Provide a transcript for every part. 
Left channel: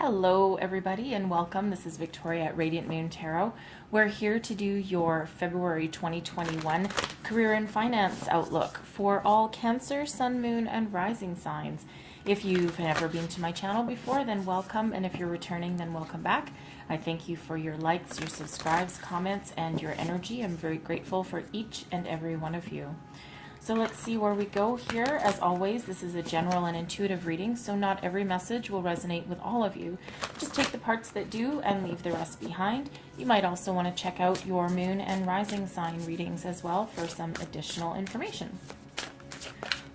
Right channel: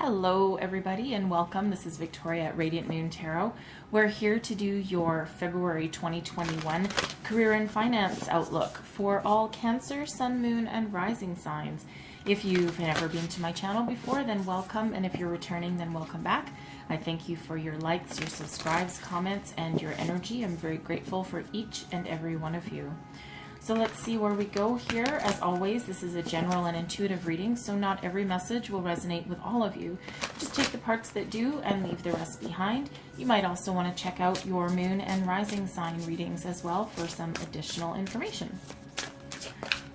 Hello everybody and welcome. This is Victoria at Radiant Moon Tarot. We're here to do your February 2021 career and finance outlook for all Cancer, Sun, Moon, and Rising signs. If you've never been to my channel before, then welcome, and if you're returning, then welcome back. I thank you for your likes, your subscribes, comments, and your energy. I'm very grateful for each and every one of you. So let's see where we go here. As always, this is a general and intuitive reading, so not every message will resonate with all of you. Just take the parts that do and leave the rest behind. You might also want to check out your moon and rising sign readings as well for some additional information.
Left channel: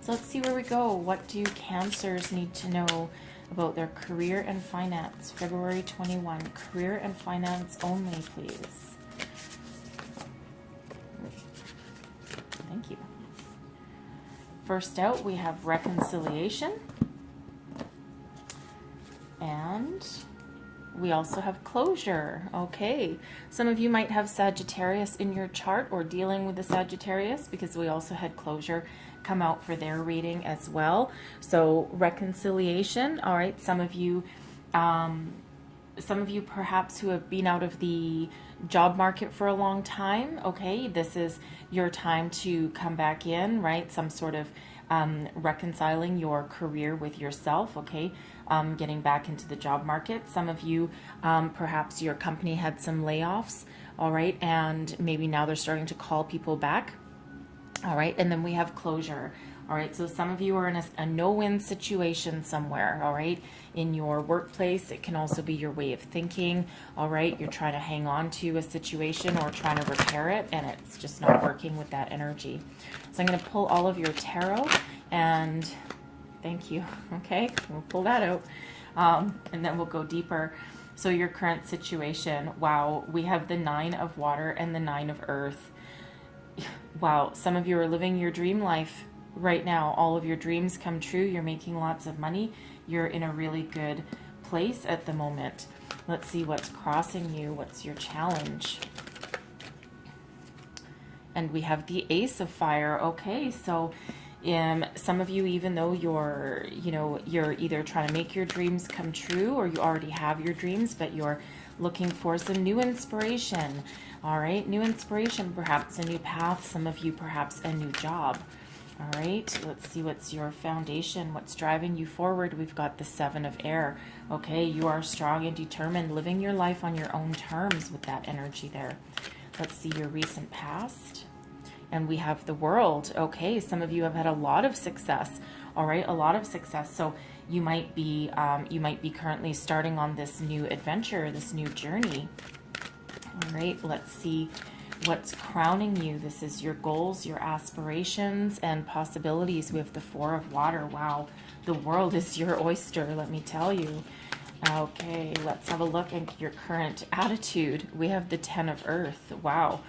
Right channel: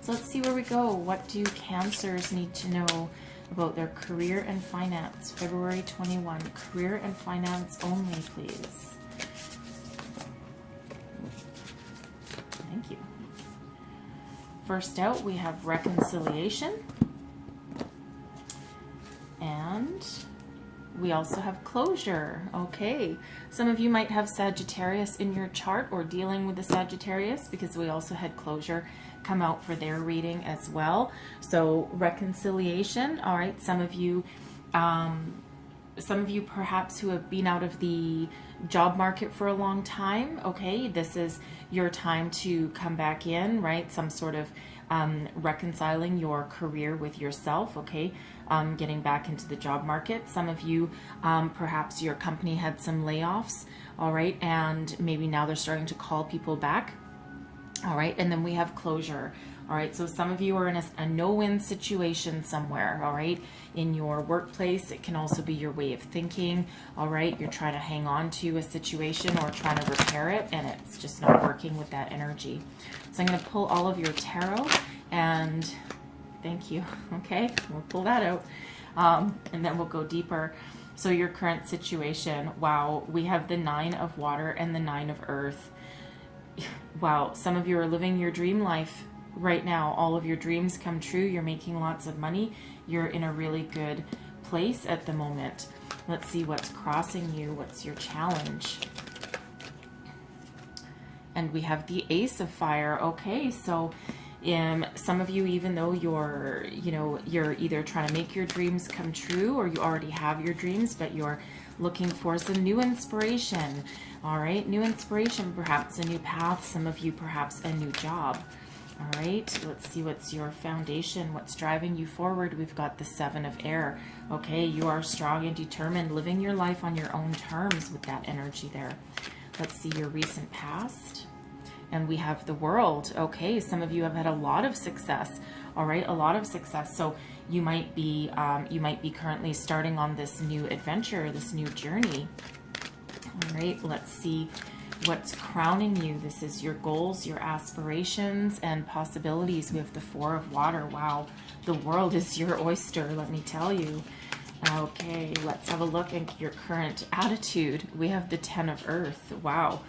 So let's see where we go. What do Cancers need to know about their career and finance? February 21, career and finance only, please. Thank you. First out, we have reconciliation, and we also have closure. Okay, some of you might have Sagittarius in your chart or dealing with the Sagittarius, because we also had closure come out for their reading as well. So reconciliation, all right, some of you perhaps who have been out of the job market for a long time, okay, this is your time to come back in, right? Some sort of reconciling your career with yourself, okay? Getting back into the job market. Some of you, perhaps your company had some layoffs, all right, and maybe now they're starting to call people back, all right? And then we have closure, all right? So some of you are in a no-win situation somewhere, all right? In your workplace, it can also be your way of thinking, all right? You're trying to hang on to a situation or trying to repair it, and it's just not working with that energy. So I'm going to pull all of your tarot, and thank you, okay? We'll pull that out, and then we'll go deeper. So your current situation, wow, we have the 9 of water and the 9 of earth. Wow, some of you are living your dream life right now. All of your dreams come true. You're making lots of money. You're in a really good place at the moment. Let's see what's crossing you. What's your challenge? And we have the Ace of Fire. Okay, so some of you, even though you're either trying to make your dreams come true or you already have your dreams, but you're looking for some new inspiration. All right, new inspiration, perhaps a new path. Some of you, perhaps a new job. All right, let's see what's your foundation, what's driving you forward. We've got the 7 of air. Okay, you are strong and determined, living your life on your own terms with that energy there. Let's see your recent past. And we have the World. Okay, some of you have had a lot of success. All right, a lot of success. So you might be currently starting on this new adventure, this new journey. All right, let's see what's crowning you. This is your goals, your aspirations, and possibilities. We have the 4 of water. Wow, the world is your oyster, let me tell you. Okay, let's have a look at your current attitude. We have the 10 of earth. Wow.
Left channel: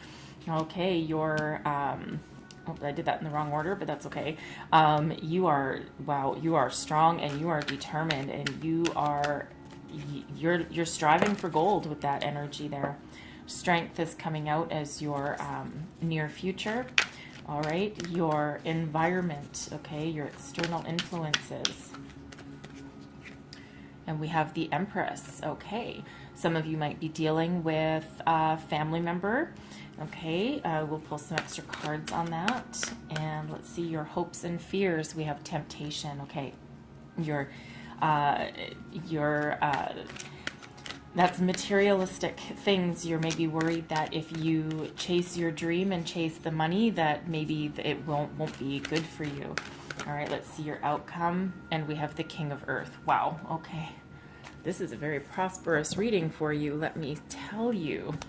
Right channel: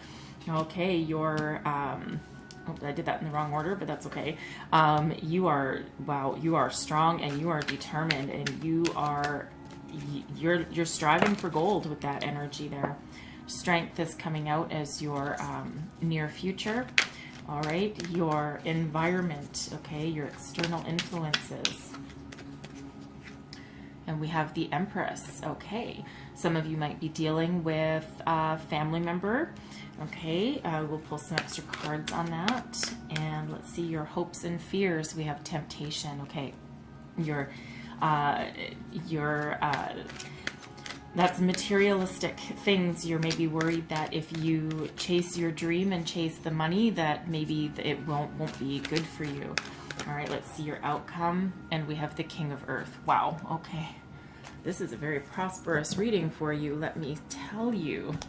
Okay, you're oh, I did that in the wrong order, but that's okay. You are strong and you are determined, and you're striving for gold with that energy there. Strength is coming out as your near future. All right, your environment, okay, your external influences. And we have the Empress. Okay, some of you might be dealing with a family member. Okay, we'll pull some extra cards on that. And let's see your hopes and fears. We have temptation. Okay, that's materialistic things. You're maybe worried that if you chase your dream and chase the money, that maybe it won't be good for you. All right, let's see your outcome. And we have the King of Earth. Wow, okay. This is a very prosperous reading for you, let me tell you.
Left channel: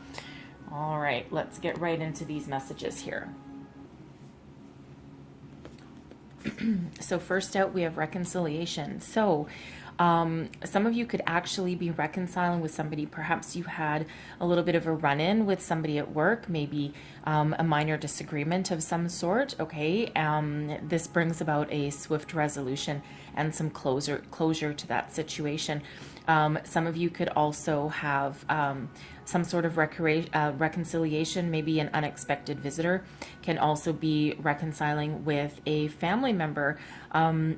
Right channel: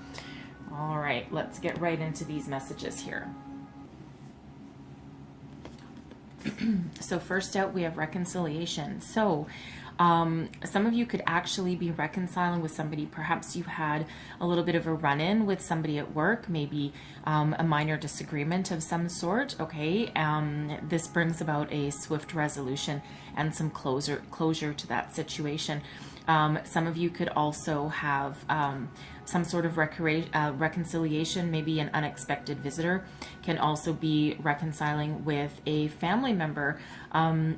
All right, let's get right into these messages here. So first out, we have reconciliation. So some of you could actually be reconciling with somebody. Perhaps you had a little bit of a run-in with somebody at work, maybe a minor disagreement of some sort. Okay, this brings about a swift resolution and some closure to that situation. Some of you could also have some sort of reconciliation. Maybe an unexpected visitor can also be reconciling with a family member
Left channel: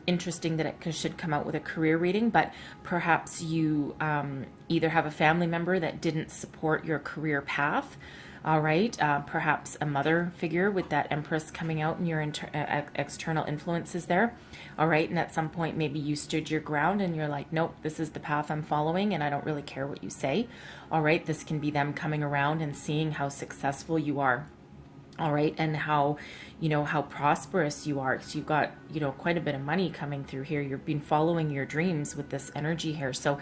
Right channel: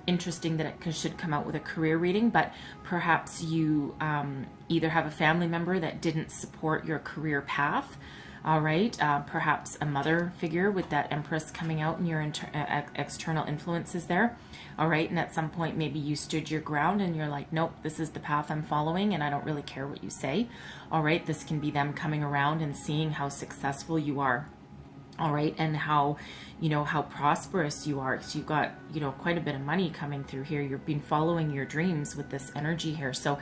interesting that it should come out with a career reading, but perhaps you either have a family member that didn't support your career path. All right, perhaps a mother figure with that Empress coming out and your external influences there. All right, and at some point maybe you stood your ground and you're like, nope, this is the path I'm following and I don't really care what you say. All right, this can be them coming around and seeing how successful you are. All right, and how, how prosperous you are. So you've got, quite a bit of money coming through here. You've been following your dreams with this energy here. So,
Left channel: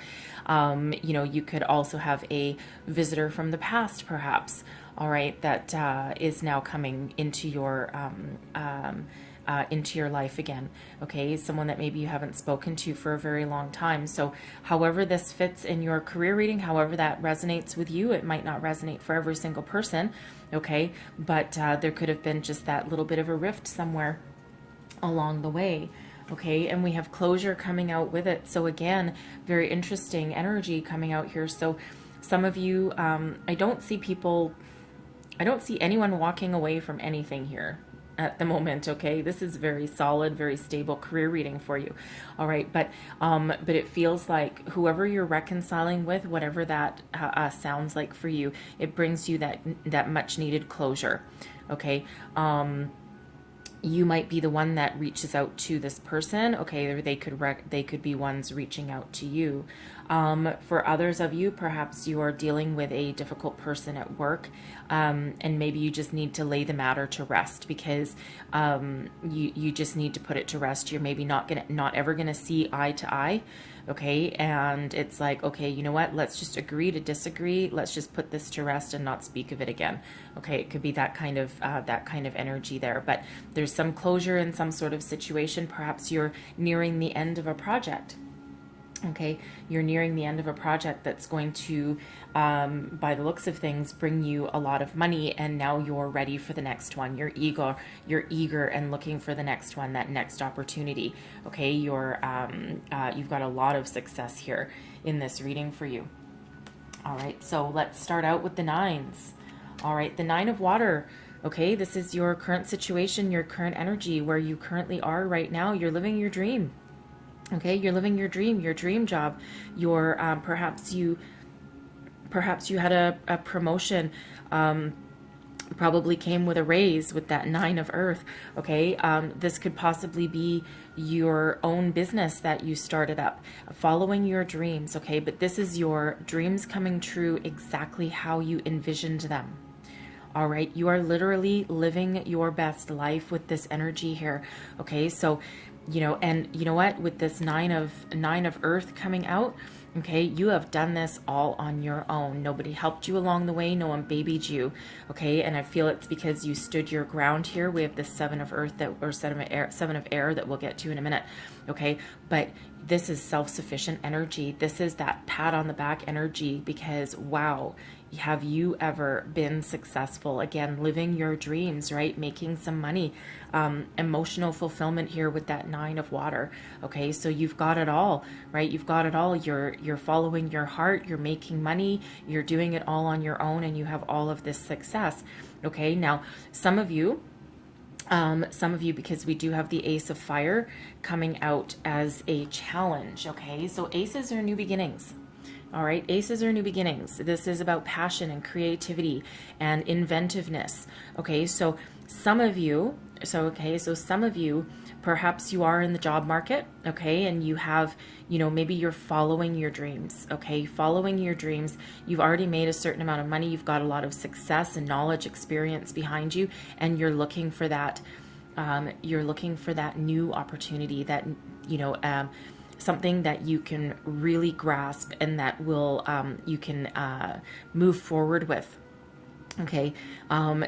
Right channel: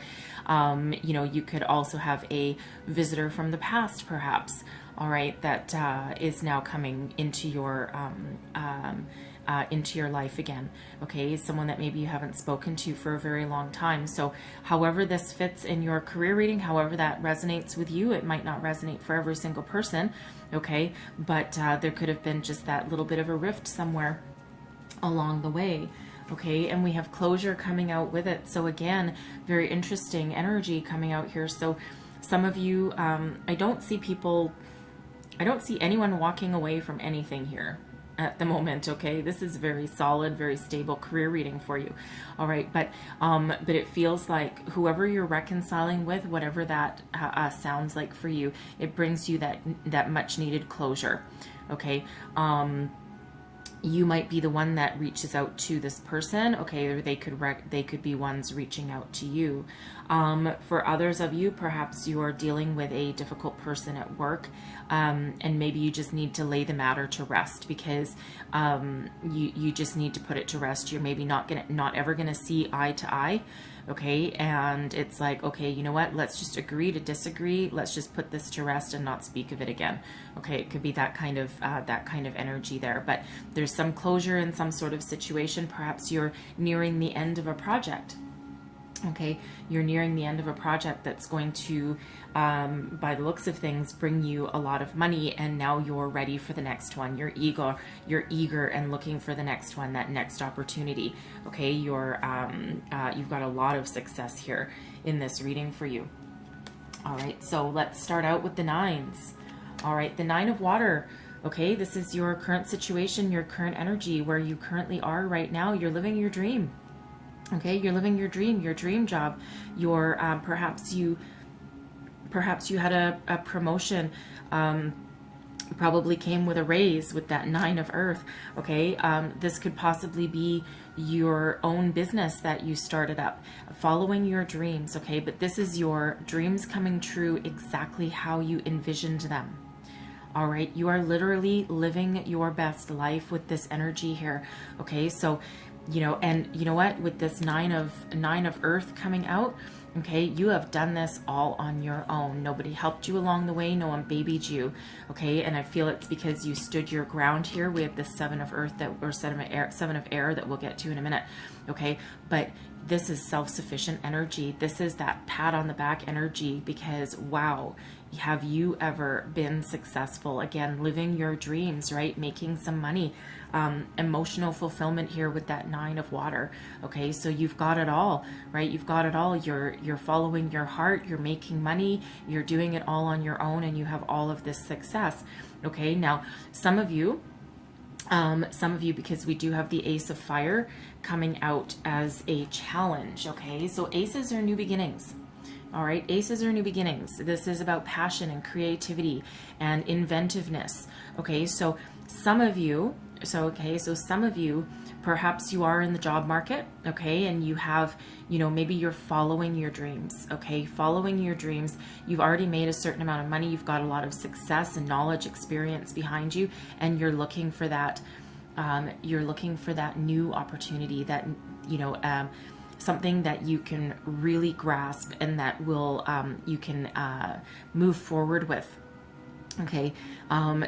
you could also have a visitor from the past, perhaps. All right, that is now coming into your life again. Okay, someone that maybe you haven't spoken to for a very long time. So however this fits in your career reading, however that resonates with you, it might not resonate for every single person. Okay, but there could have been just that little bit of a rift somewhere along the way. Okay, and we have closure coming out with it. So again, very interesting energy coming out here. So some of you, I don't see anyone walking away from anything here at the moment. Okay, this is very solid, very stable career reading for you. All right, but it feels like whoever you're reconciling with, whatever that sounds like for you, it brings you that much needed closure. Okay, you might be the one that reaches out to this person. Okay, or they could be ones reaching out to you. For others of you, perhaps you are dealing with a difficult person at work, and maybe you just need to lay the matter to rest because you just need to put it to rest. You're maybe not ever gonna see eye to eye. Okay, and it's like, okay, you know what? Let's just agree to disagree. Let's just put this to rest and not speak of it again. Okay, it could be that kind of energy there. But there's some closure in some sort of situation. Perhaps you're nearing the end of a project. Okay, you're nearing the end of a project that's going to, by the looks of things, bring you a lot of money, and now you're ready for the next one. You're eager and looking for the next one, that next opportunity. Okay, you've got a lot of success here in this reading for you. All right, so let's start out with the nines. All right, the Nine of Water. Okay, this is your current situation, your current energy, where you currently are right now. You're living your dream. Okay, you're living your dream job. You're perhaps you had a promotion, probably came with a raise with that Nine of Earth. Okay, this could possibly be your own business that you started up, following your dreams. Okay, but this is your dreams coming true exactly how you envisioned them. All right, you are literally living your best life with this energy here. Okay, so and you know what, with this nine of Earth coming out, okay, you have done this all on your own. Nobody helped you along the way. No one babied you. Okay, and I feel it's because you stood your ground here. We have this Seven of Earth Seven of Air that we'll get to in a minute. Okay, but this is self-sufficient energy. This is that pat on the back energy because, wow, have you ever been successful? Again, living your dreams, right? Making some money, emotional fulfillment here with that Nine of Water. Okay, so you've got it all, right? You've got it all. You're following your heart. You're making money. You're doing it all on your own, and you have all of this success. Okay, now some of you, because we do have the Ace of Fire coming out as a challenge. Okay, so aces are new beginnings. All right, aces are new beginnings. This is about passion and creativity and inventiveness. Okay, so some of you, perhaps you are in the job market, okay, and you have, maybe you're following your dreams, okay, following your dreams. You've already made a certain amount of money. You've got a lot of success and knowledge, experience behind you, and you're looking for that, new opportunity, that, something that you can really grasp and that will you can move forward with. Okay,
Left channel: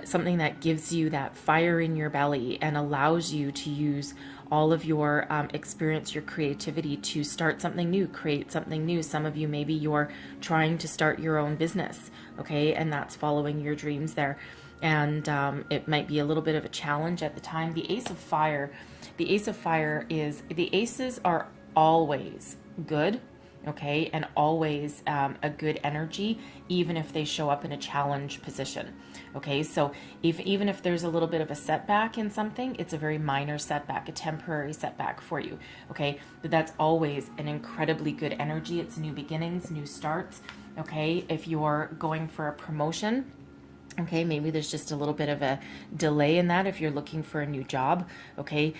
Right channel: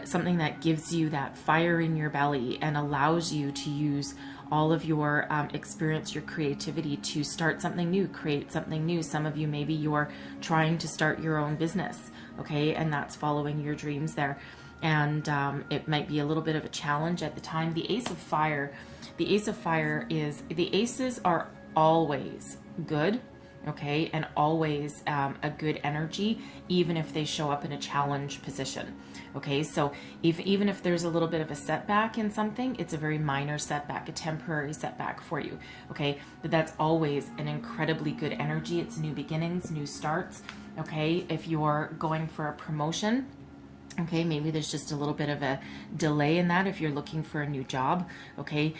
something that gives you that fire in your belly and allows you to use all of your experience, your creativity to start something new, create something new. Some of you, maybe you're trying to start your own business, okay, and that's following your dreams there. And it might be a little bit of a challenge at the time. The Ace of Fire, the Aces are always good. okay, and always a good energy, even if they show up in a challenge position. Okay, so even if there's a little bit of a setback in something, it's a very minor setback, a temporary setback for you. Okay, but that's always an incredibly good energy. It's new beginnings, new starts. Okay, if you're going for a promotion, okay, maybe there's just a little bit of a delay in that if you're looking for a new job. Okay,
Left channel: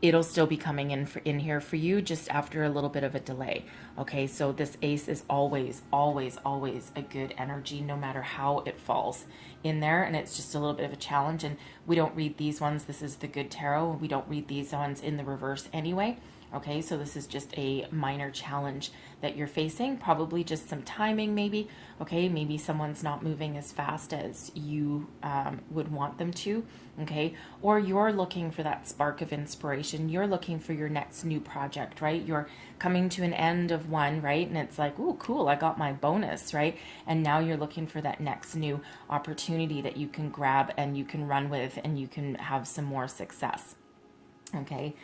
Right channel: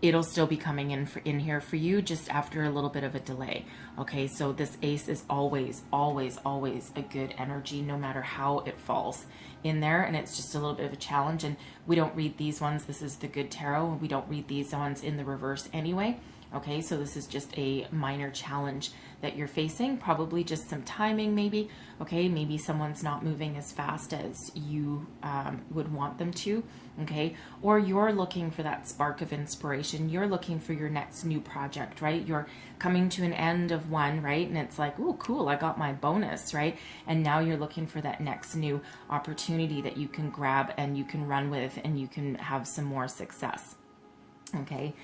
it'll still be coming in here for you, just after a little bit of a delay. Okay, so this ace is always, always, always a good energy, no matter how it falls in there. And it's just a little bit of a challenge. And we don't read these ones. This is the good tarot. We don't read these ones in the reverse anyway. Okay, so this is just a minor challenge that you're facing, probably just some timing maybe. Okay, maybe someone's not moving as fast as you would want them to. Okay, or you're looking for that spark of inspiration. You're looking for your next new project, right? You're coming to an end of one, right? And it's like, oh, cool, I got my bonus, right? And now you're looking for that next new opportunity that you can grab and you can run with and you can have some more success. Okay,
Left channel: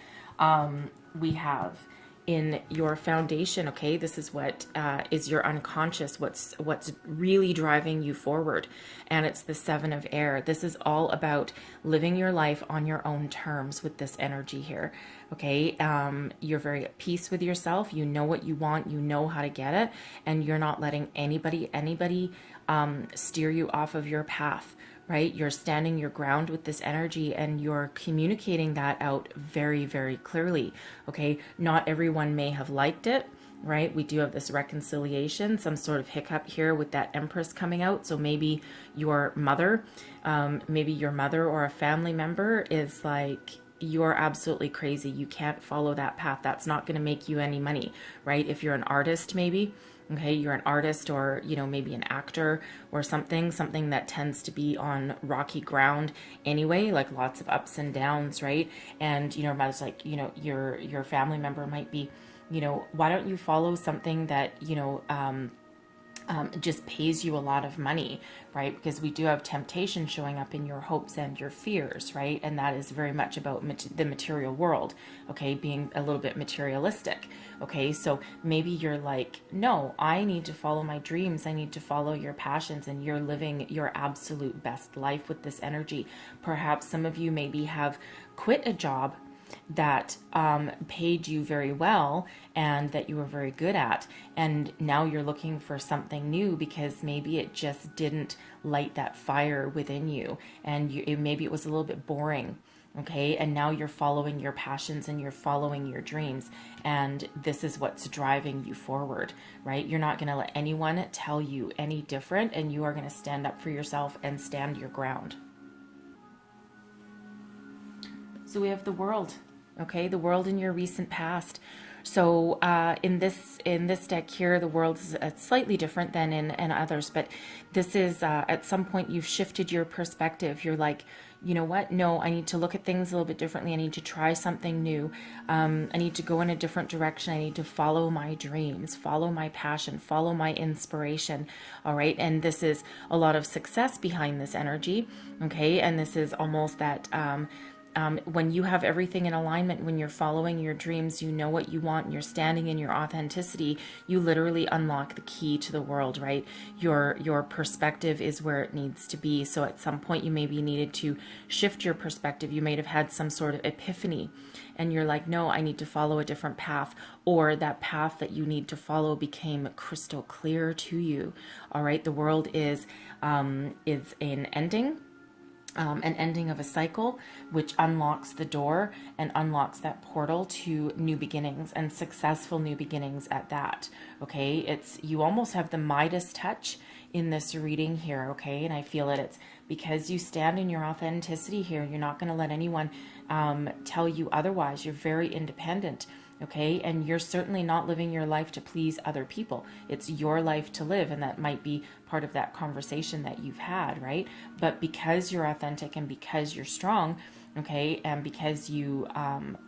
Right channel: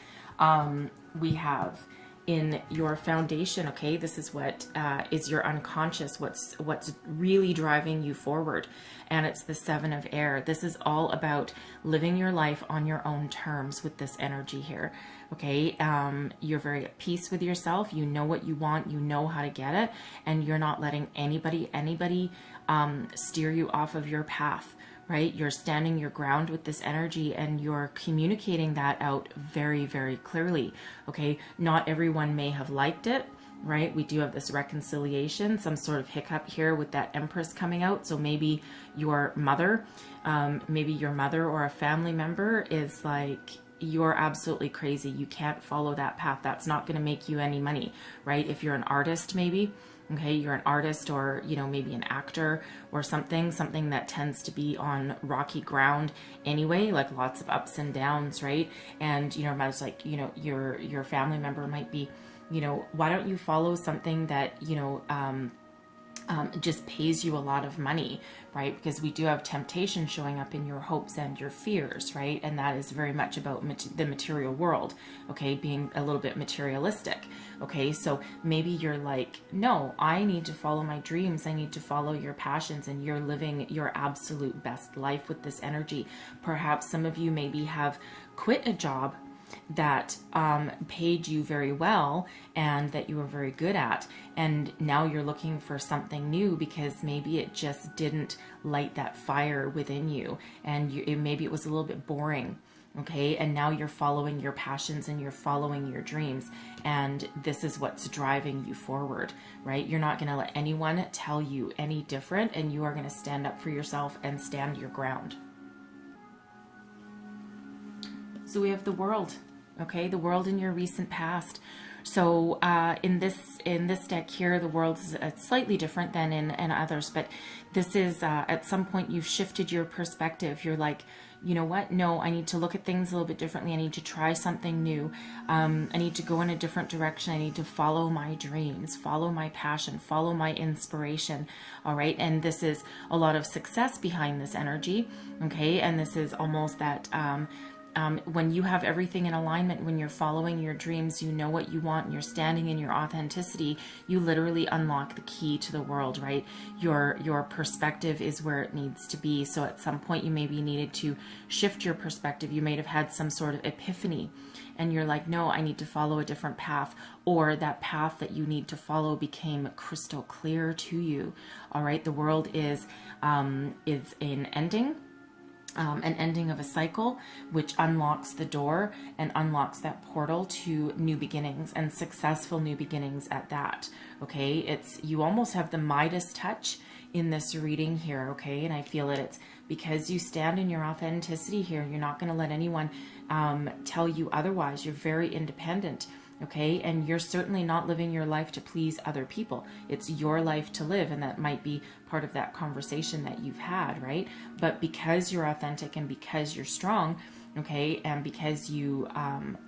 we have in your foundation, okay, this is what is your unconscious, what's really driving you forward, and it's the Seven of Air. This is all about living your life on your own terms with this energy here. Okay, you're very at peace with yourself. You know what you want, you know how to get it, and you're not letting anybody steer you off of your path. Right? You're standing your ground with this energy and you're communicating that out very, very clearly. Okay. Not everyone may have liked it, right? We do have this reconciliation, some sort of hiccup here with that Empress coming out. So maybe your mother or a family member is like, you're absolutely crazy. You can't follow that path. That's not going to make you any money, right? If you're an artist, maybe, okay, you're an artist, or, you know, maybe an actor or something that tends to be on rocky ground anyway, like lots of ups and downs, right? And, you know, I was like, you know, your family member might be, you know, why don't you follow something that, you know, just pays you a lot of money, right? Because we do have temptation showing up in your hopes and your fears, right? And that is very much about the material world, okay? Being a little bit materialistic, okay? So maybe you're like, no, I need to follow my dreams. I need to follow your passions, and you're living your absolute best life with this energy. Perhaps some of you maybe have quit a job that paid you very well and that you were very good at, and now you're looking for something new because maybe it just didn't light that fire within you, and maybe it was a little bit boring, okay? And now you're following your passions and you're following your dreams, and this is what's driving you forward, right? You're not going to let anyone tell you any different, and you are going to stand up for yourself and stand your ground. So we have the World, okay? The World in your recent past. So in this deck here, the World is slightly different than in others, but this is at some point you've shifted your perspective. You're like, you know what? No, I need to look at things a little bit differently. I need to try something new. I need to go in a different direction. I need to follow my dreams, follow my passion, follow my inspiration. All right. And this is a lot of success behind this energy. Okay. And this is almost that, when you have everything in alignment, when you're following your dreams, you know what you want, and you're standing in your authenticity, you literally unlock the key to the world, right? Your perspective is where it needs to be. So at some point you maybe needed to shift your perspective. You may have had some sort of epiphany, and you're like, no, I need to follow a different path, or that path that you need to follow became crystal clear to you. All right. The World is an ending. An ending of a cycle, which unlocks the door and unlocks that portal to new beginnings, and successful new beginnings at that. Okay, it's, you almost have the Midas touch in this reading here. Okay, and I feel that it's because you stand in your authenticity here. You're not going to let anyone tell you otherwise. You're very independent. Okay, and you're certainly not living your life to please other people. It's your life to live, and that might be part of that conversation that you've had, right? But because you're authentic and because you're strong, okay, and because you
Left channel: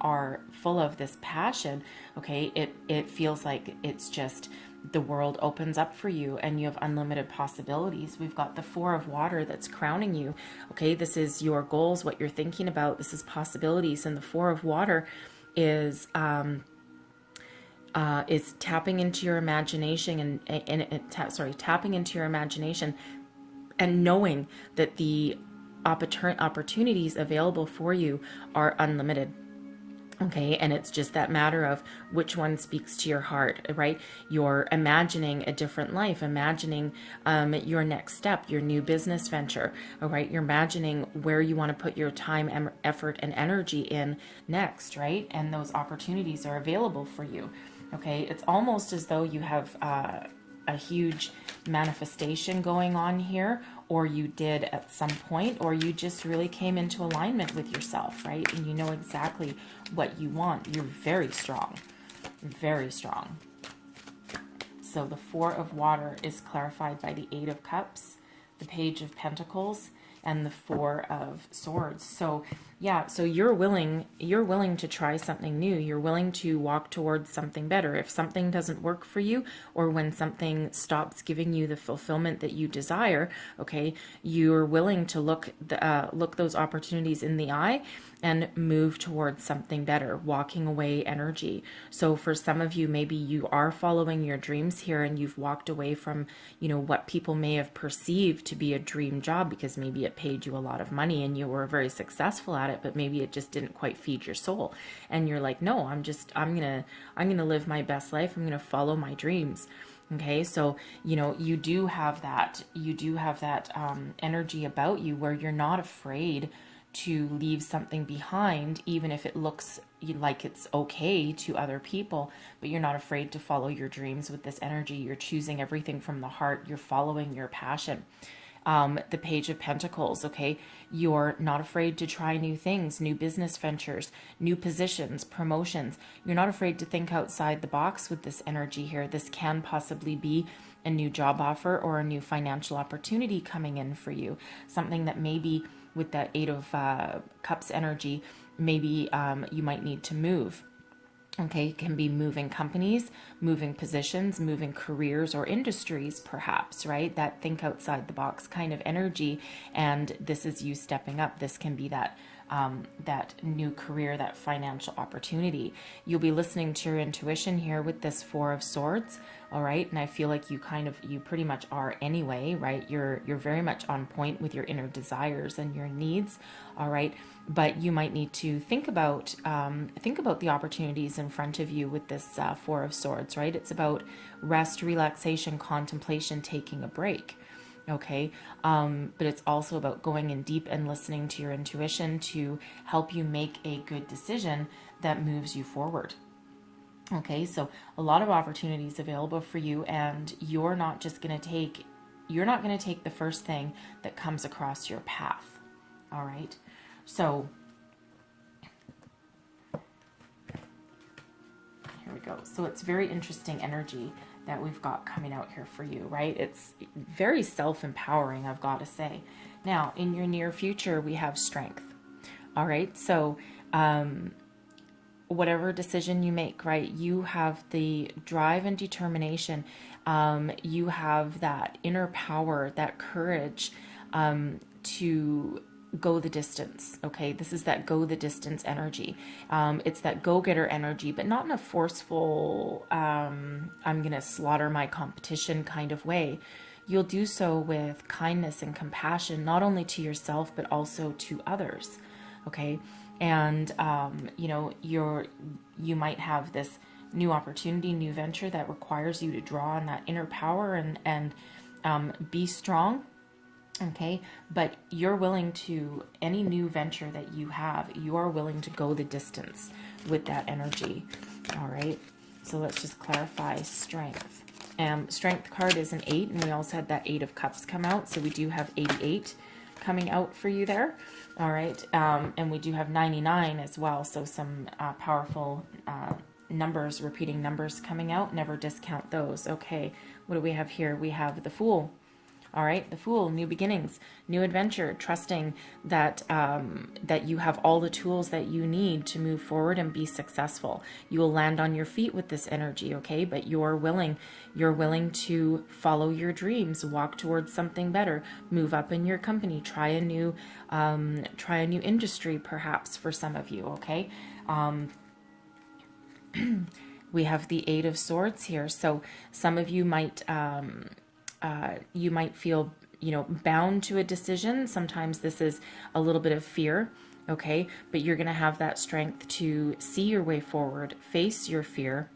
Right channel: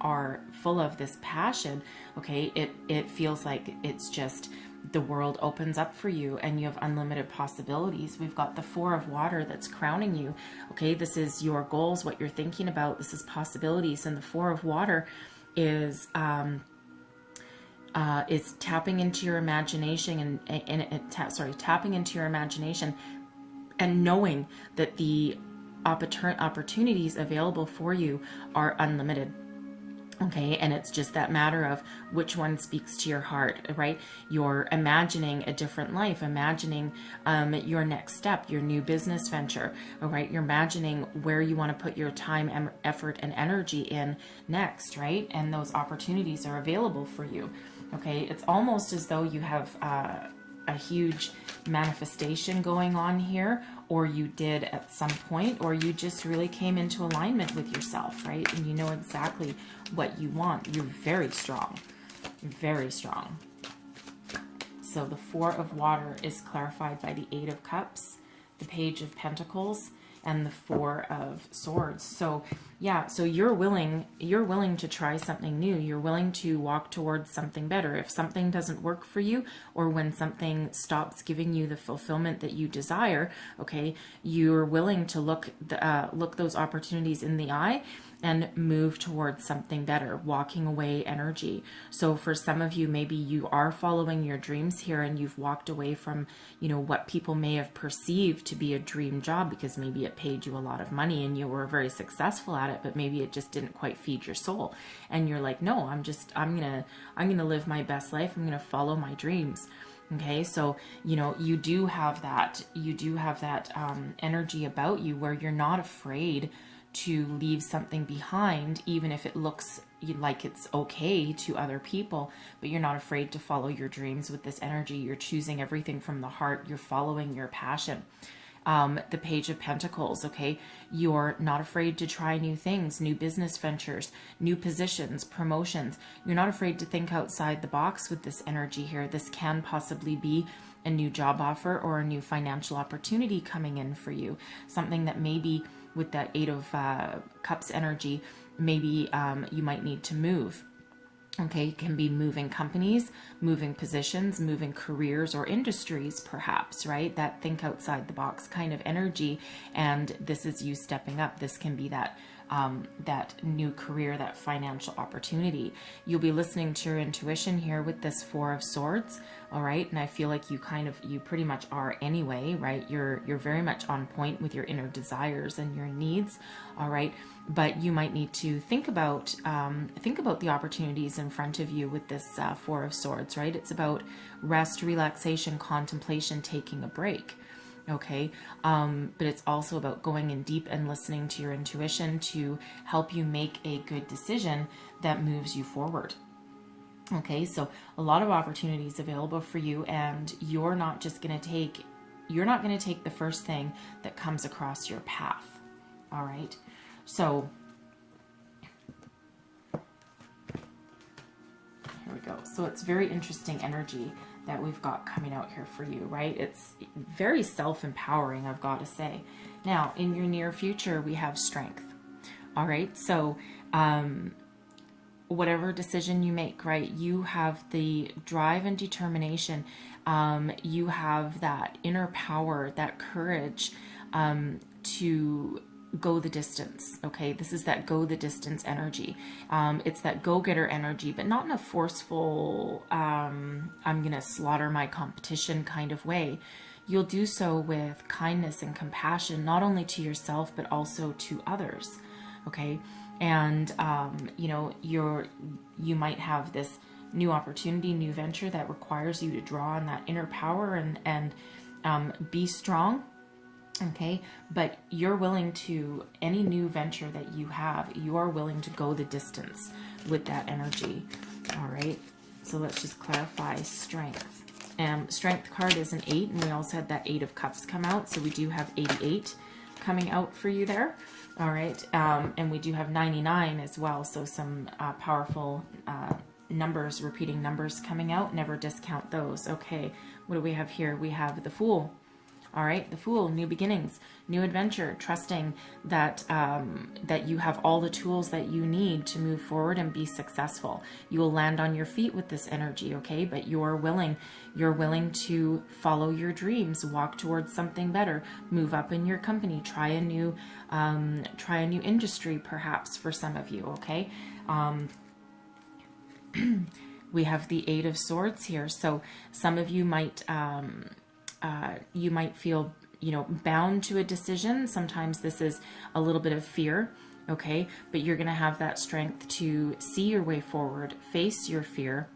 are full of this passion, okay, it feels like it's just, the world opens up for you and you have unlimited possibilities. We've got the Four of Water that's crowning you. Okay, this is your goals, what you're thinking about. This is possibilities, and the Four of Water is is tapping into your imagination tapping into your imagination and knowing that the opportunities available for you are unlimited. Okay, and it's just that matter of which one speaks to your heart, right? You're imagining a different life, imagining your next step, your new business venture, all right? You're imagining where you want to put your time, effort, and energy in next, right? And those opportunities are available for you, okay? It's almost as though you have a huge manifestation going on here, or you did at some point, or you just really came into alignment with yourself, right? And you know exactly what you want. You're very strong, very strong. So the Four of Water is clarified by the Eight of Cups, the Page of Pentacles, and the Four of Swords. So yeah, so you're willing to try something new. You're willing to walk towards something better. If something doesn't work for you, or when something stops giving you the fulfillment that you desire, okay, you're willing to look those opportunities in the eye and move towards something better, walking away energy. So for some of you, maybe you are following your dreams here and you've walked away from, you know, what people may have perceived to be a dream job, because maybe it paid you a lot of money and you were very successful at it, but maybe it just didn't quite feed your soul. And you're like, no, I'm going to live my best life. I'm going to follow my dreams. Okay, so you know, you do have that energy about you where you're not afraid to leave something behind, even if it looks like it's okay to other people, but you're not afraid to follow your dreams with this energy. You're choosing everything from the heart. You're following your passion. The Page of Pentacles, okay? You're not afraid to try new things, new business ventures, new positions, promotions. You're not afraid to think outside the box with this energy here. This can possibly be a new job offer or a new financial opportunity coming in for you. Something that maybe with that Eight of Cups energy, maybe you might need to move. Okay, it can be moving companies, moving positions, moving careers or industries, perhaps, right? That think outside the box kind of energy. And this is you stepping up. This can be that new career, that financial opportunity. You'll be listening to your intuition here with this Four of Swords. All right. And I feel like you pretty much are anyway, right? You're very much on point with your inner desires and your needs. All right. But you might need to think about the opportunities in front of you with this Four of Swords, right? It's about rest, relaxation, contemplation, taking a break. Okay. But it's also about going in deep and listening to your intuition to help you make a good decision that moves you forward. Okay. So a lot of opportunities available for you, and you're not going to take the first thing that comes across your path. All right. So here we go. So it's very interesting energy that we've got coming out here for you, right? It's very self-empowering, I've got to say. Now, in your near future, we have strength. All right. So whatever decision you make, right, you have the drive and determination. You have that inner power, that courage to go the distance. Okay, this is that go the distance energy. It's that go-getter energy, but not in a forceful I'm gonna slaughter my competition kind of way. You'll do so with kindness and compassion, not only to yourself but also to others. Okay. And you know, you might have this new opportunity, new venture that requires you to draw on that inner power and be strong. Okay, but you're willing to, any new venture that you have, you're willing to go the distance with that energy. All right, so let's just clarify strength. Strength card is an 8, and we also had that 8 of Cups come out, so we do have 88 coming out for you there. All right, and we do have 99 as well, so some powerful numbers, repeating numbers coming out. Never discount those. Okay, what do we have here? We have the Fool. All right, the Fool, new beginnings, new adventure, trusting that that you have all the tools that you need to move forward and be successful. You will land on your feet with this energy, okay? But you're willing to follow your dreams, walk towards something better, move up in your company, try a new industry, perhaps for some of you, okay? we have the Eight of Swords here. So some of you might feel, you know, bound to a decision. Sometimes this is a little bit of fear, okay? But you're going to have that strength to see your way forward, face your fear,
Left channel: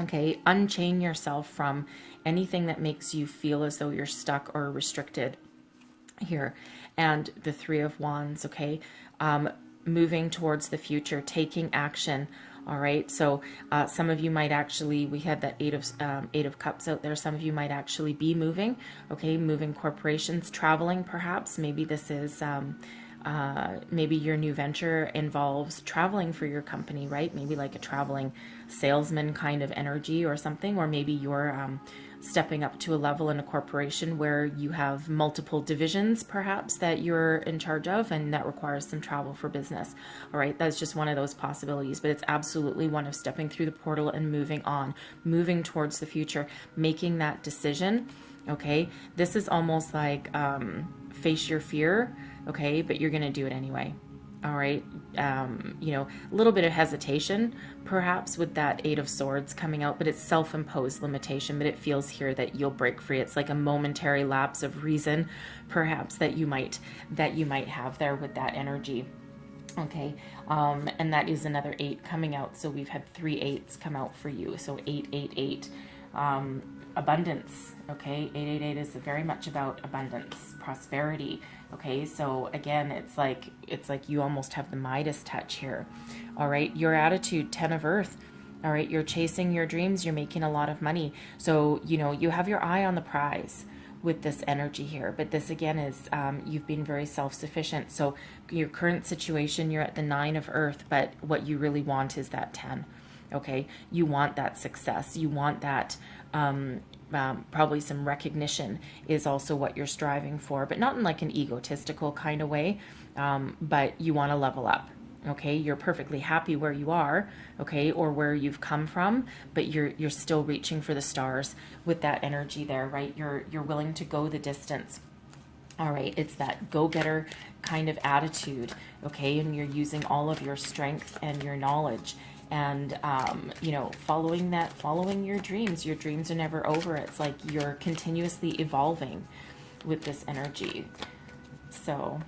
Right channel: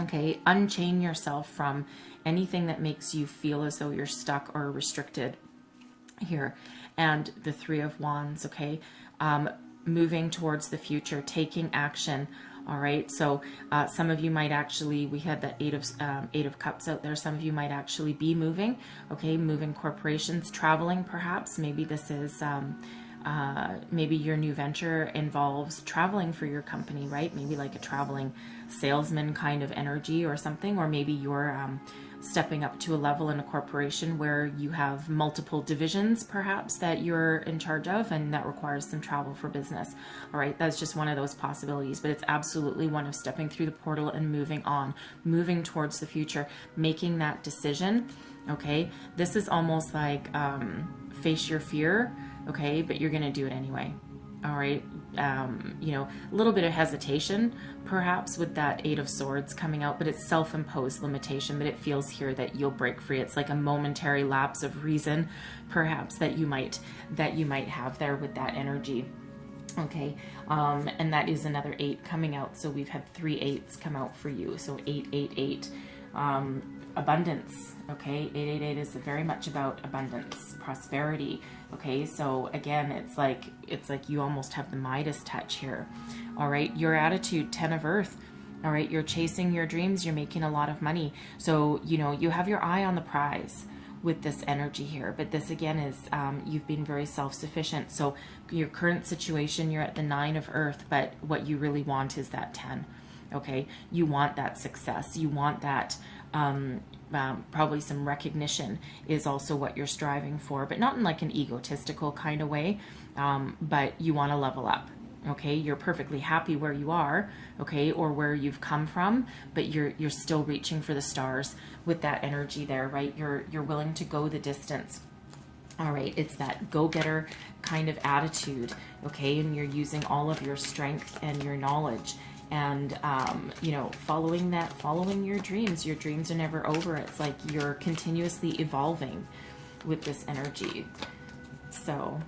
okay? Unchain yourself from anything that makes you feel as though you're stuck or restricted here. And the Three of Wands, okay? Moving towards the future, taking action. All right, so some of you might actually, we had that Eight of Cups out there. Some of you might actually be moving, okay, moving corporations, traveling perhaps. Maybe this is, maybe your new venture involves traveling for your company, right? Maybe like a traveling salesman kind of energy or something, or maybe you're stepping up to a level in a corporation where you have multiple divisions perhaps that you're in charge of, and that requires some travel for business. All right, that's just one of those possibilities, but it's absolutely one of stepping through the portal and moving on, moving towards the future, making that decision. Okay, this is almost like face your fear, okay, but you're going to do it anyway. All right, you know, a little bit of hesitation perhaps with that Eight of Swords coming out, but it's self-imposed limitation, but it feels here that you'll break free. It's like a momentary lapse of reason perhaps that you might have there with that energy. Okay, and that is another 8 coming out. So we've had 3 8s come out for you. So 888. Abundance. Okay, 888 is very much about abundance, prosperity. Okay, so again, it's like you almost have the Midas touch here. All right, your attitude, 10 of Earth. All right, you're chasing your dreams, you're making a lot of money. So, you know, you have your eye on the prize with this energy here. But this again is you've been very self-sufficient. So your current situation, you're at the 9 of Earth, but what you really want is that 10. Okay, you want that success. You want that probably some recognition is also what you're striving for, but not in like an egotistical kind of way, but you want to level up. Okay, you're perfectly happy where you are, okay, or where you've come from, but you're still reaching for the stars with that energy there, right? You're willing to go the distance. All right, it's that go-getter kind of attitude, okay, and you're using all of your strength and your knowledge. And, you know, following your dreams. Your dreams are never over. It's like you're continuously evolving with this energy. So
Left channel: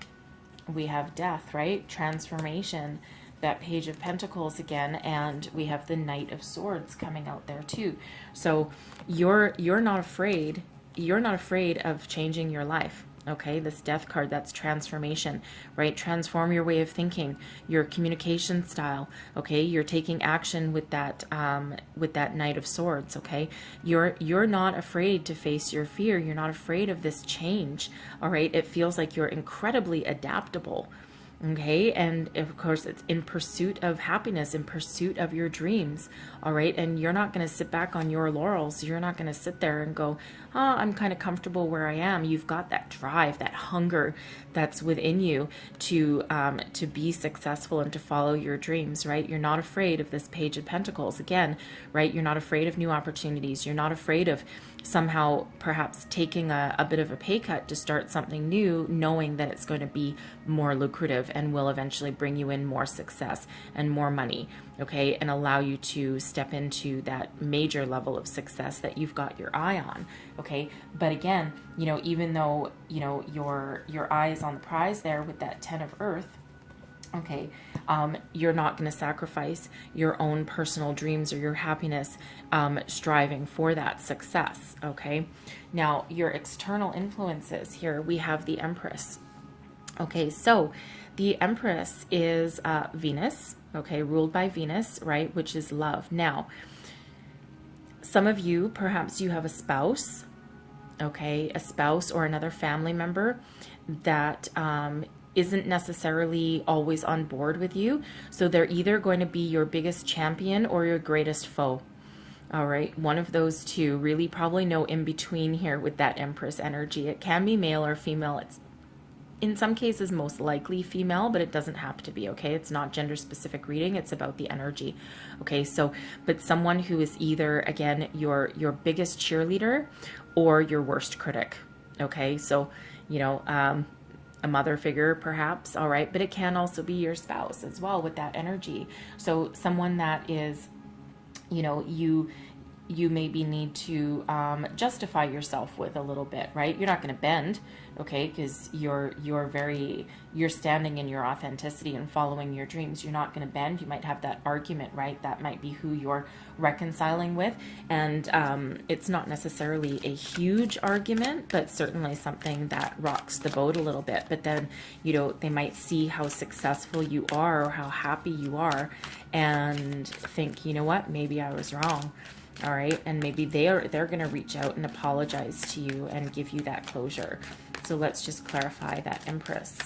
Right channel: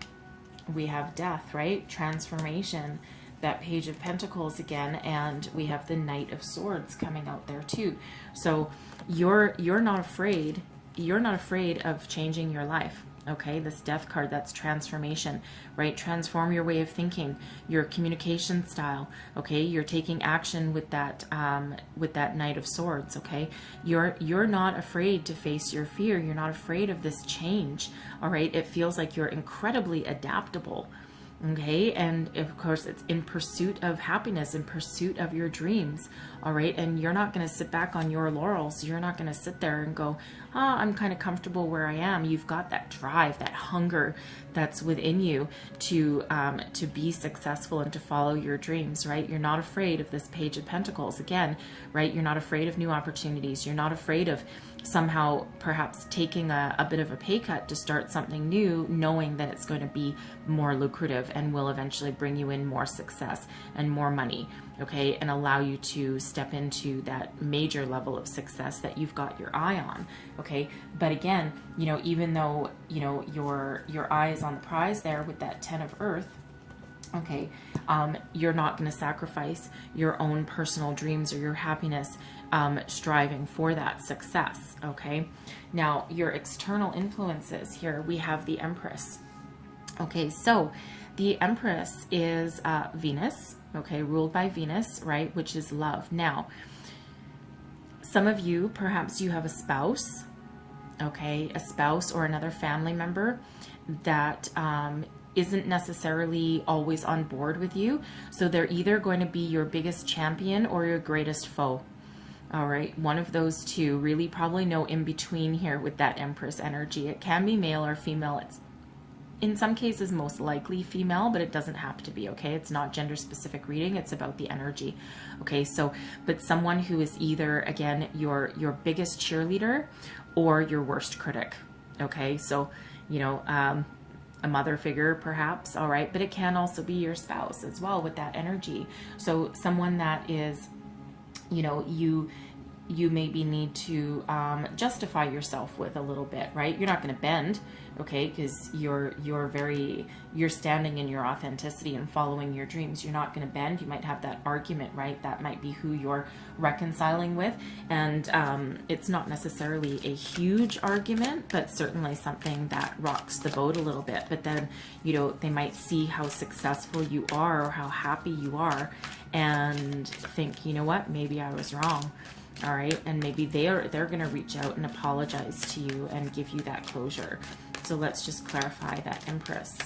we have death, right? Transformation, that Page of Pentacles again, and we have the Knight of Swords coming out there too. So you're not afraid. You're not afraid of changing your life. Okay, this Death card, that's transformation, right? Transform your way of thinking, your communication style. Okay, you're taking action with that Knight of Swords. Okay, you're not afraid to face your fear. You're not afraid of this change. All right, it feels like you're incredibly adaptable. Okay, and of course it's in pursuit of happiness, in pursuit of your dreams. All right, and you're not going to sit back on your laurels. You're not going to sit there and go, oh, I'm kind of comfortable where I am. You've got that drive, that hunger that's within you to be successful and to follow your dreams, right? You're not afraid of this Page of Pentacles again, right? You're not afraid of new opportunities. You're not afraid of somehow perhaps taking a bit of a pay cut to start something new, knowing that it's going to be more lucrative and will eventually bring you in more success and more money, okay, and allow you to step into that major level of success that you've got your eye on, okay? But again, you know, even though, you know, your eye is on the prize there with that 10 of Earth, okay, you're not going to sacrifice your own personal dreams or your happiness striving for that success, okay? Now, your external influences here, we have the Empress. Okay, so the Empress is Venus, okay, ruled by Venus, right, which is love. Now, some of you, perhaps you have a spouse, okay, a spouse or another family member that isn't necessarily always on board with you. So they're either going to be your biggest champion or your greatest foe. All right, one of those two, really probably no in between here with that Empress energy. It can be male or female. It's in some cases most likely female, but it doesn't have to be, okay? It's not gender specific reading, it's about the energy. Okay, so but someone who is either, again, your biggest cheerleader or your worst critic. Okay, so, you know, a mother figure perhaps, all right, but it can also be your spouse as well with that energy. So someone that is you know, you maybe need to justify yourself with a little bit, right? You're not going to bend, okay, because you're standing in your authenticity and following your dreams. You're not going to bend. You might have that argument, right? That might be who you're reconciling with, and it's not necessarily a huge argument, but certainly something that rocks the boat a little bit. But then, you know, they might see how successful you are or how happy you are and think, you know what, maybe I was wrong. All right, and maybe they're going to reach out and apologize to you and give you that closure. So let's just clarify that, Empress.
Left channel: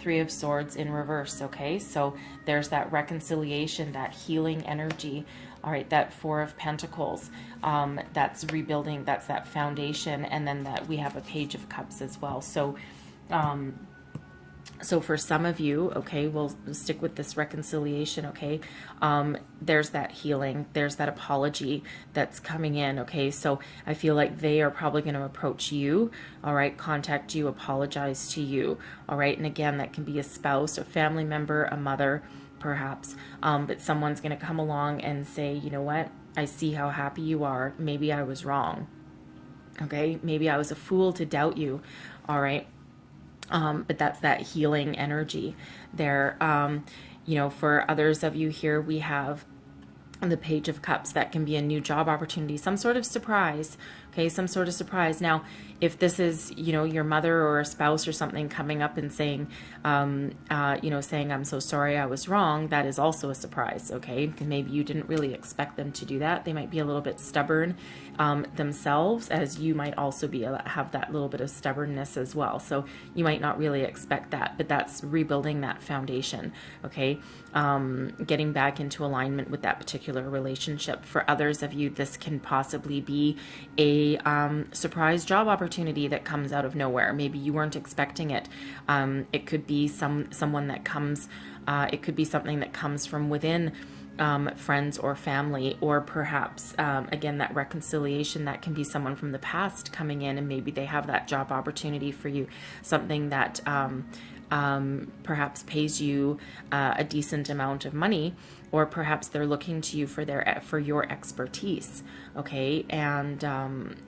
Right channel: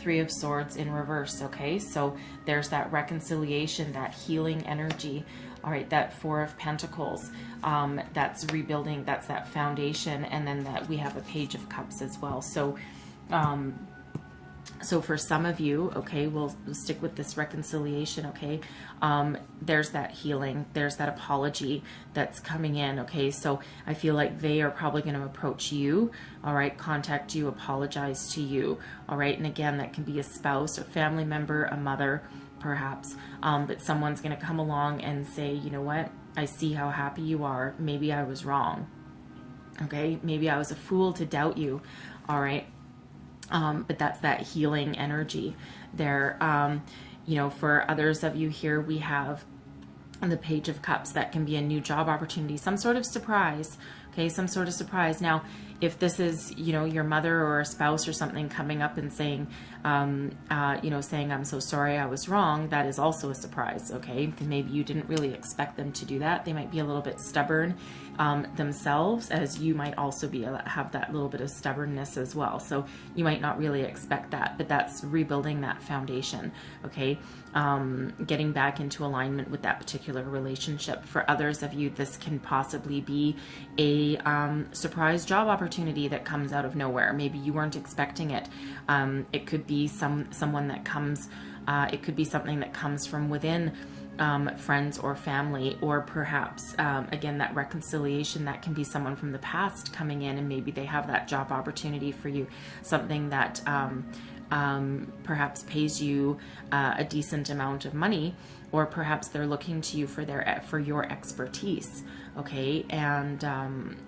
Three of Swords in reverse, okay? So there's that reconciliation, that healing energy. All right, that Four of Pentacles, that's rebuilding, that's that foundation, and then that we have a Page of Cups as well. So so for some of you, okay, we'll stick with this reconciliation, okay? There's that healing, there's that apology that's coming in, okay? So I feel like they are probably going to approach you, all right, contact you, apologize to you, all right? And again, that can be a spouse, a family member, a mother, perhaps, but someone's going to come along and say, you know what, I see how happy you are. Maybe I was wrong, okay? Maybe I was a fool to doubt you, all right? But that's that healing energy there. You know, for others of you here, we have the Page of Cups. That can be a new job opportunity, some sort of surprise, okay, some sort of surprise. Now, if this is, you know, your mother or a spouse or something coming up and saying, you know, saying, I'm so sorry, I was wrong, that is also a surprise, okay? Maybe you didn't really expect them to do that. They might be a little bit stubborn themselves, as you might also be have that little bit of stubbornness as well. So you might not really expect that, but that's rebuilding that foundation, okay? Getting back into alignment with that particular relationship. For others of you, this can possibly be a surprise job opportunity that comes out of nowhere. Maybe you weren't expecting it. It could be someone that comes, it could be something that comes from within friends or family, or perhaps, again, that reconciliation, that can be someone from the past coming in and maybe they have that job opportunity for you, something that perhaps pays you a decent amount of money, or perhaps they're looking to you for your expertise, okay, and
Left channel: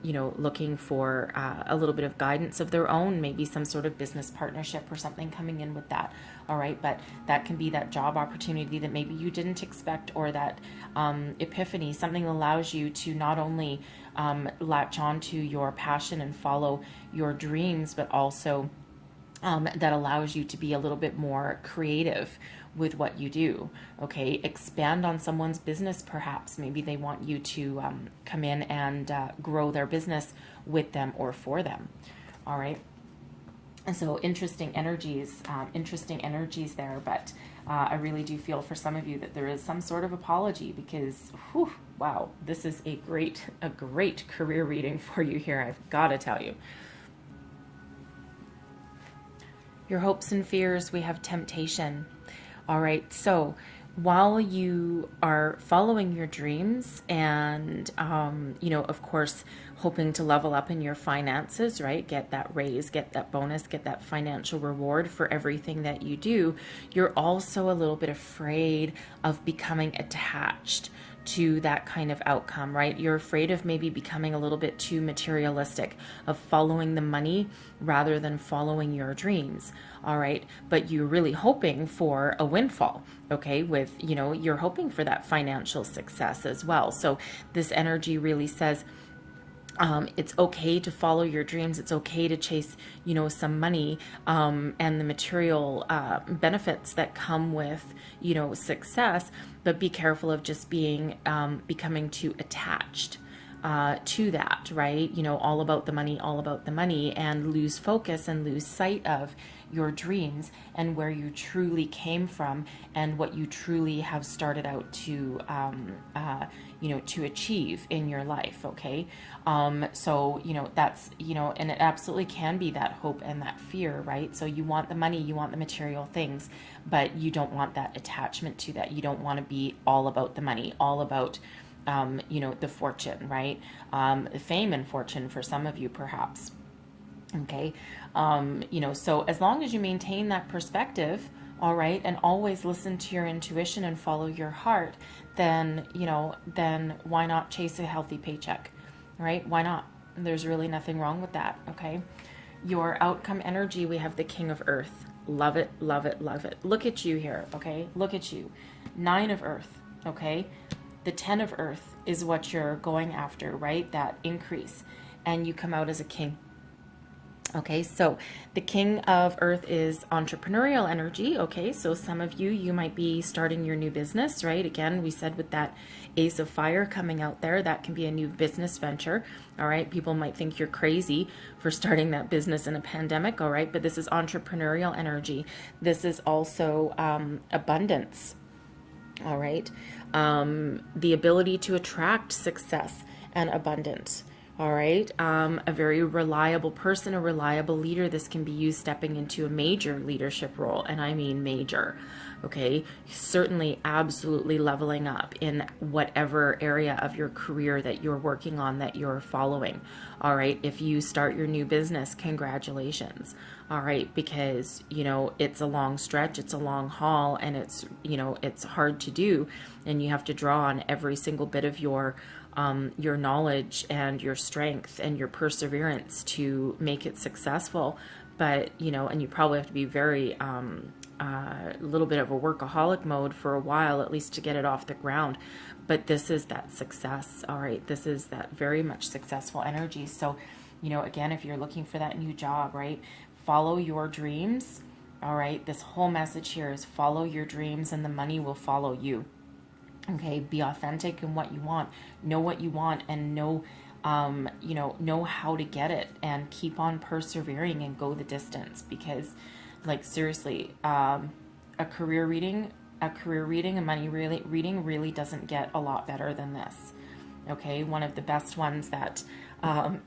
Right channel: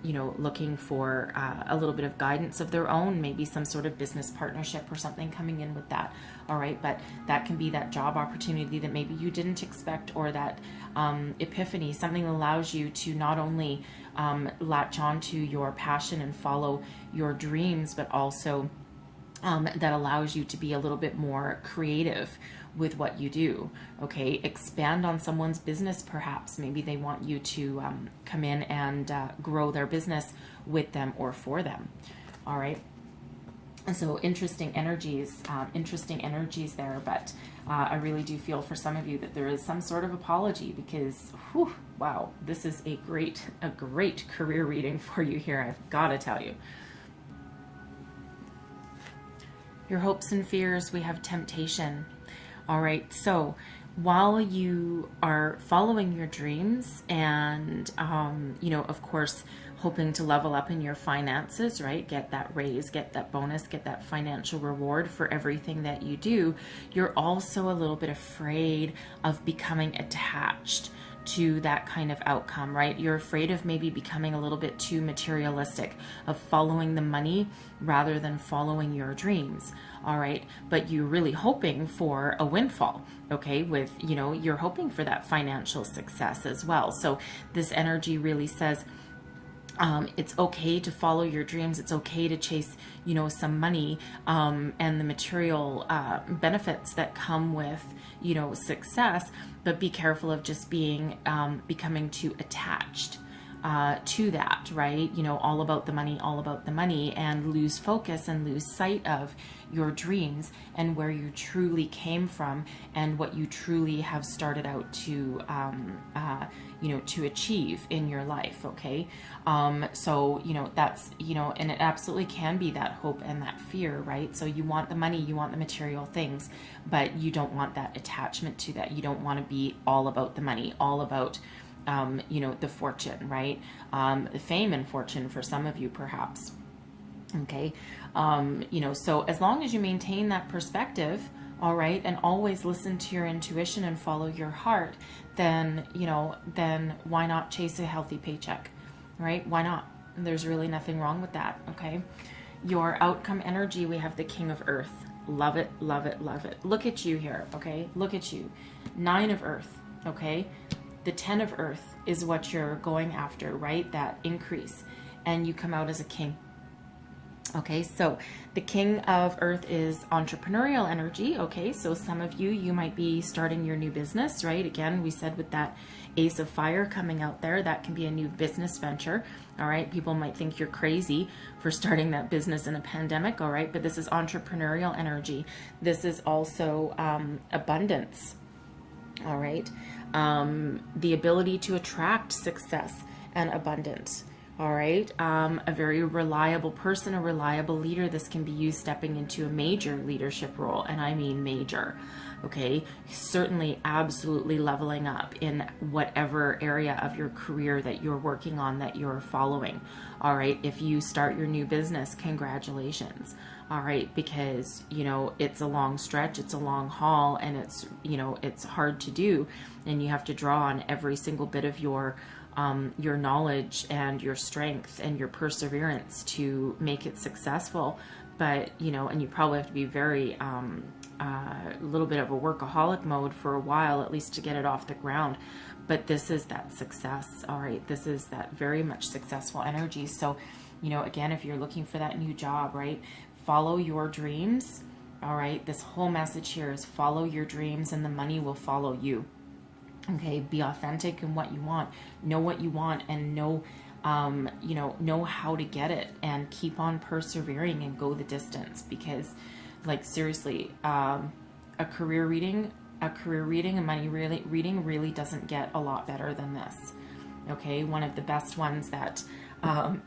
you know, looking for a little bit of guidance of their own, maybe some sort of business partnership or something coming in with that. All right, but that can be that job opportunity that maybe you didn't expect, or that epiphany, something that allows you to not only latch on to your passion and follow your dreams, but also that allows you to be a little bit more creative with what you do, okay? Expand on someone's business, perhaps. Maybe they want you to come in and grow their business with them or for them, all right? And so interesting energies there, but I really do feel for some of you that there is some sort of apology, because, whew, wow, this is a great career reading for you here, I've got to tell you. Your hopes and fears, we have temptation. All right, so while you are following your dreams and, you know, of course, hoping to level up in your finances, right? Get that raise, get that bonus, get that financial reward for everything that you do, you're also a little bit afraid of becoming attached to that kind of outcome, right? You're afraid of maybe becoming a little bit too materialistic, of following the money rather than following your dreams. All right, but you're really hoping for a windfall, okay? With, you know, you're hoping for that financial success as well. So this energy really says, it's okay to follow your dreams. It's okay to chase, you know, some money and the material benefits that come with, you know, success, but be careful of just becoming too attached to that, right? You know, all about the money, and lose focus and lose sight of your dreams and where you truly came from and what you truly have started out to, you know, to achieve in your life, okay? So, you know, that's, you know, and it absolutely can be that hope and that fear, right? So you want the money, you want the material things, but you don't want that attachment to that. You don't want to be all about the money, all about, you know, the fortune, right? The fame and fortune for some of you, perhaps. Okay. You know, so as long as you maintain that perspective, all right, and always listen to your intuition and follow your heart, then, then why not chase a healthy paycheck, right? Why not? There's really nothing wrong with that, okay? Your outcome energy, we have the King of Earth. Love it, love it, love it. Look at you here, okay? Look at you. 9 of Earth, okay? The 10 of Earth is what you're going after, right? That increase. And you come out as a king. Okay, so the King of Earth is entrepreneurial energy. Okay, so some of you might be starting your new business, right? Again, we said with that Ace of Fire coming out there, that can be a new business venture. All right, people might think you're crazy for starting that business in a pandemic. All right, but this is entrepreneurial energy. This is also abundance. All right, the ability to attract success and abundance. All right, a very reliable person, a reliable leader. This can be you stepping into a major leadership role, and I mean major. Okay, certainly absolutely leveling up in whatever area of your career that you're working on, that you're following. All right, if you start your new business, congratulations. All right, because it's a long stretch, it's a long haul, and it's hard to do, and you have to draw on every single bit of your knowledge and your strength and your perseverance to make it successful. But and you probably have to be very a little bit of a workaholic mode for a while, at least to get it off the ground. But this is that success. All right, this is that very much successful energy. So again, if you're looking for that new job, right, follow your dreams. All right, this whole message here is follow your dreams and the money will follow you. Okay, be authentic in what you want, know what you want, and know how to get it, and keep on persevering and go the distance. Because, like, seriously, a career reading, a money reading really doesn't get a lot better than this. Okay, one of the best ones that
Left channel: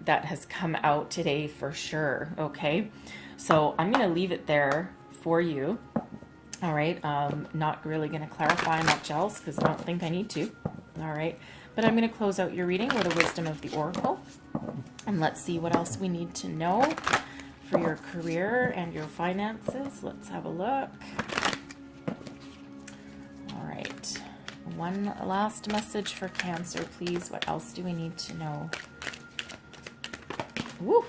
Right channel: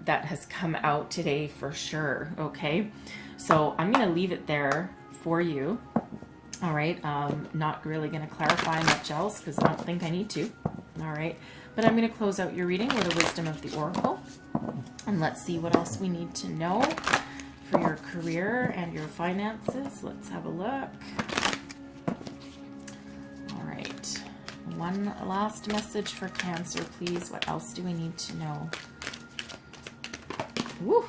has come out today for sure. Okay, so I'm gonna leave it there for you. All right, not really going to clarify much else because I don't think I need to. All right, but I'm going to close out your reading with the wisdom of the oracle. And let's see what else we need to know for your career and your finances. Let's have a look. All right, one last message for Cancer, please. What else do we need to know? Woo!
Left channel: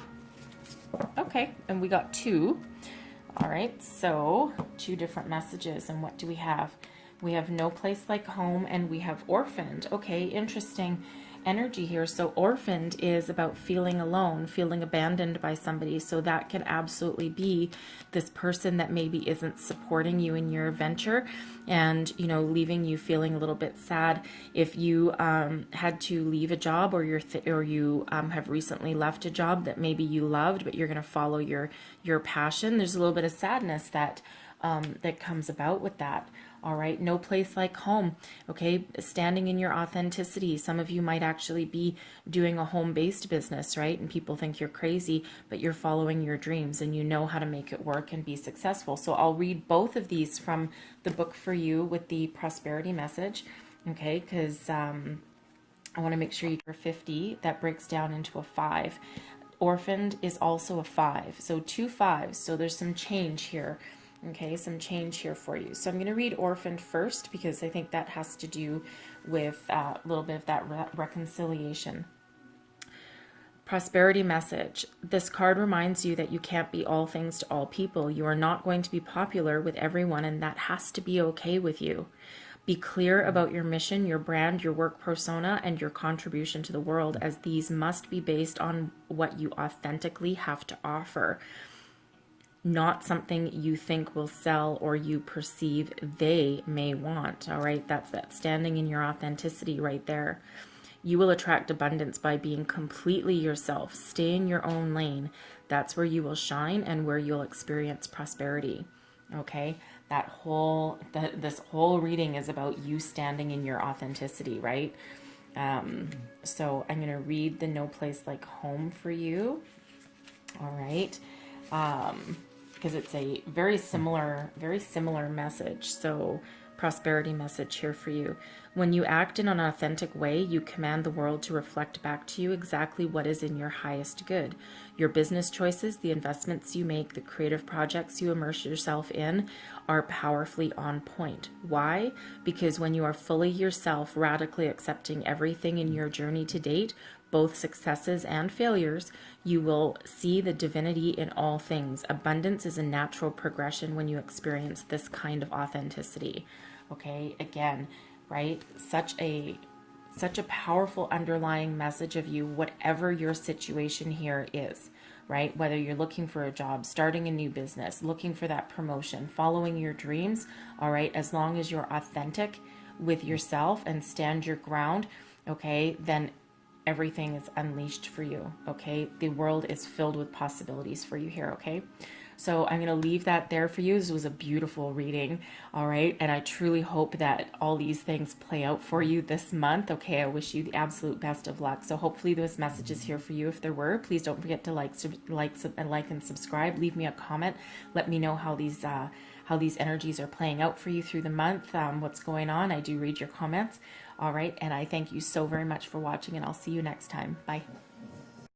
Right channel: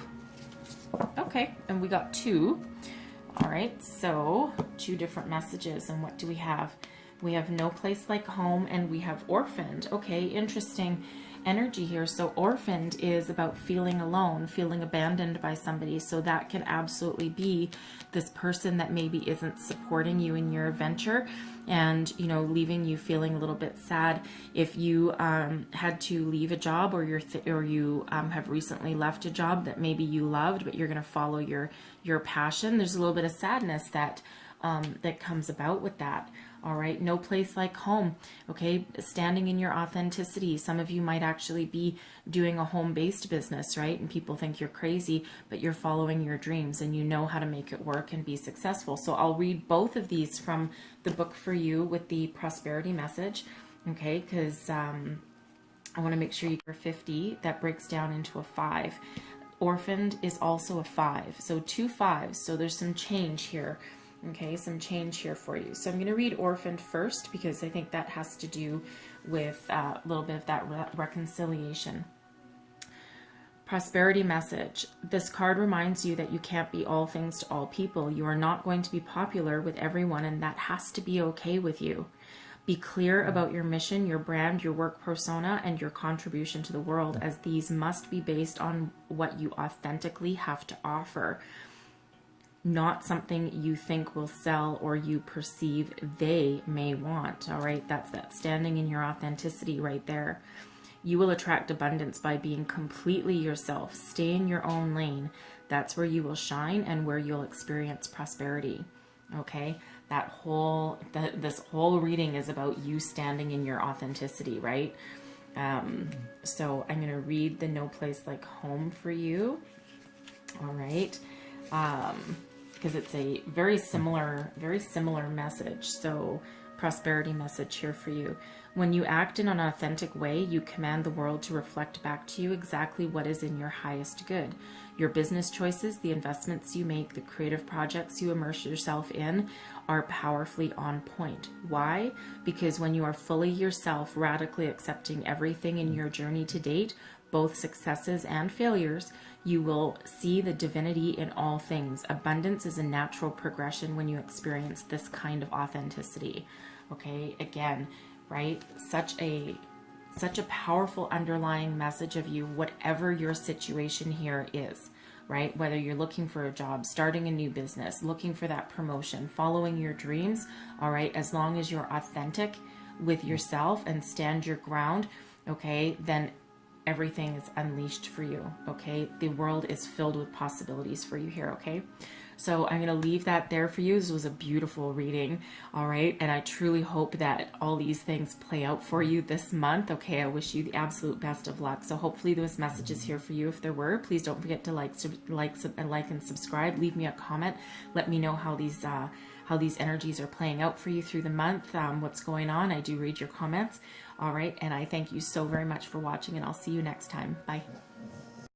Okay, and we got 2. All right, so 2 different messages. And what do we have? We have no place like home, and we have orphaned. Okay, interesting energy here. So orphaned is about feeling alone, feeling abandoned by somebody. So that can absolutely be this person that maybe isn't supporting you in your venture, and leaving you feeling a little bit sad. If you had to leave a job, or you have recently left a job that maybe you loved, but you're going to follow your passion, there's a little bit of sadness that comes about with that. All right, no place like home. Okay, standing in your authenticity. Some of you might actually be doing a home-based business, right? And people think you're crazy, but you're following your dreams and you know how to make it work and be successful. So I'll read both of these from the book for you with the prosperity message, okay? Because I want to make sure you're 50. That breaks down into a 5. Orphaned is also a 5. So 2 5s. So there's some change here. Okay, some change here for you. So I'm going to read orphaned first because I think that has to do with a little bit of that reconciliation. Prosperity message. This card reminds you that you can't be all things to all people. You are not going to be popular with everyone, and that has to be okay with you. Be clear about your mission, your brand, your work persona, and your contribution to the world, as these must be based on what you authentically have to offer, not something you think will sell or you perceive they may want. All right, that's that standing in your authenticity right there. You will attract abundance by being completely yourself. Stay in your own lane. That's where you will shine and where you'll experience prosperity. Okay, this whole reading is about you standing in your authenticity, right? So I'm going to read the No Place Like Home for you. All right. Because it's a very similar message. So prosperity message here for you. When you act in an authentic way, you command the world to reflect back to you exactly what is in your highest good. Your business choices, the investments you make, the creative projects you immerse yourself in are powerfully on point. Why? Because when you are fully yourself, radically accepting everything in your journey to date, both successes and failures, you will see the divinity in all things. Abundance is a natural progression when you experience this kind of authenticity. Okay, again, right? Such a powerful underlying message of you, whatever your situation here is, right? Whether you're looking for a job, starting a new business, looking for that promotion, following your dreams, all right, as long as you're authentic with yourself and stand your ground, okay, then everything is unleashed for you, okay? The world is filled with possibilities for you here, okay? So I'm going to leave that there for you. This was a beautiful reading, all right? And I truly hope that all these things play out for you this month, okay? I wish you the absolute best of luck. So hopefully those messages here for you. If there were, please don't forget to like and subscribe. Leave me a comment. Let me know how these energies are playing out for you through the month, what's going on. I do read your comments, all right? And I thank you so very much for watching, and I'll see you next time. Bye.